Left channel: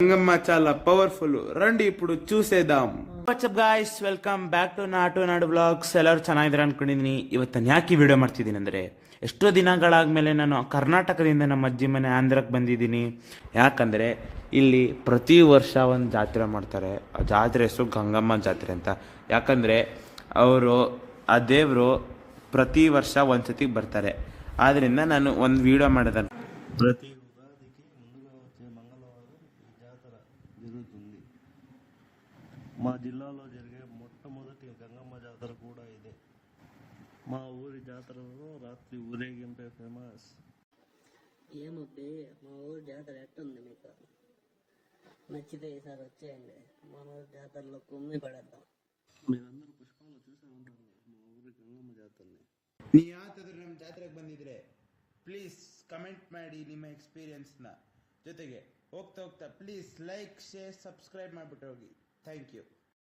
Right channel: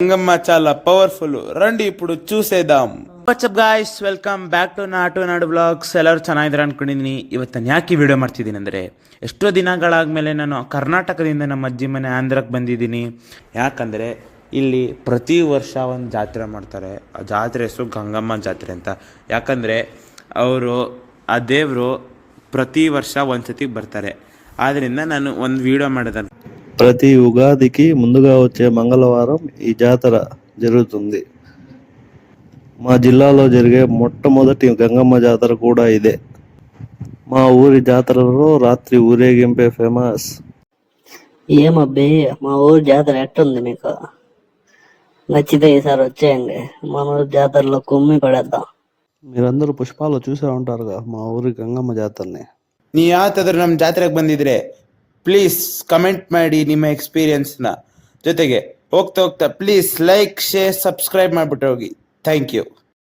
గంగమ్మ చాలా పవర్ఫుల్, రండి ఇప్పుడు చూసేద్దాం. What's up guys, welcome back to Natu Nadu blogs. ಎಲ್ಲರೂ ಚೆನ್ನಾಗಿದ್ದಾರೆ ಅಂದ್ಕೊಂಡಿದ್ದೀನಿ. ಇವತ್ತು ಯಾಕೆ ವಿಡಿಯೋ ಮಾಡ್ತಿದ್ದೀನಿ ಅಂದರೆ, ಎಷ್ಟೋ ದಿನಗಳಾದಮೇಲೆ ನಾನು ಕರ್ನಾಟಕದಿಂದ ನಮ್ಮ ಅಜ್ಜಿ ಮನೆ ಆಂಧ್ರಕ್ಕೆ ಬಂದಿದ್ದೀನಿ. ಯಾಕಂದರೆ ಇಲ್ಲಿ ಪ್ರತಿ ವರ್ಷ ಒಂದು ಜಾತ್ರೆ ಮಾಡ್ತಾರೆ. ಆ ಜಾತ್ರೆ ಹೆಸರು ಗಂಗಮ್ಮ ಜಾತ್ರೆ ಅಂತ. ಯಾಕಂದರೆ ಅವರು ಆ ದೇವರು ప్రతి ವರ್ಷ ಒಂದ್ಸತಿ ಬರ್ತಾರೆ. ಆದ್ದರಿಂದ ನಾನು ಒಂದು వీడియో ಮಾಡಿದೆ. ప్రతి ఉగాదికి ముందుగా వచ్చే మంగళవారం ఈ జాతర జరుగుతుంది. మా జిల్లాలో జరిగే మొట్టమొదటి గంగమ్మ జాతర కూడా ఇదే. మా ఊరి జాతరలో రాత్రి ఊరేగింపే ఫేమస్. ఏమబ్బి మా ఊరి జాతర ఎట్టుంది మీకు? నచ్చితే ఈసారి వచ్చేయండి, మన ఊరి జాతరలో కుమ్మి పడేద్దాం. మీరందరూ పుష్పాలు చూసే ఉంటారుగా మా ఊరి ಗಂಗಮ್ಮ ಜಾತ್ರೆನೆ. ನೀ ಯಾವತ್ತಾದ್ರೂ ನಮ್ಮ ಜಾತ್ರೆಗೆ ಬಂದಿದ್ರೆ ಪ್ಲೀಸ್ ಕಮೆಂಟ್ ಮಾಡಿ ನಿಮ್ಮ ಎಕ್ಸ್ಪೀರಿಯನ್ಸ್ನ. ಜೊತೆಗೆ ಹೋಗ್ತಾ ಪ್ಲೀಸ್ ಲೈಕ್, ಶೇರ್, ಸಬ್ಸ್ಕ್ರೈಬ್ ಮಾಡಿಬಿಟ್ಟು ಹೋಗಿ. Thank you.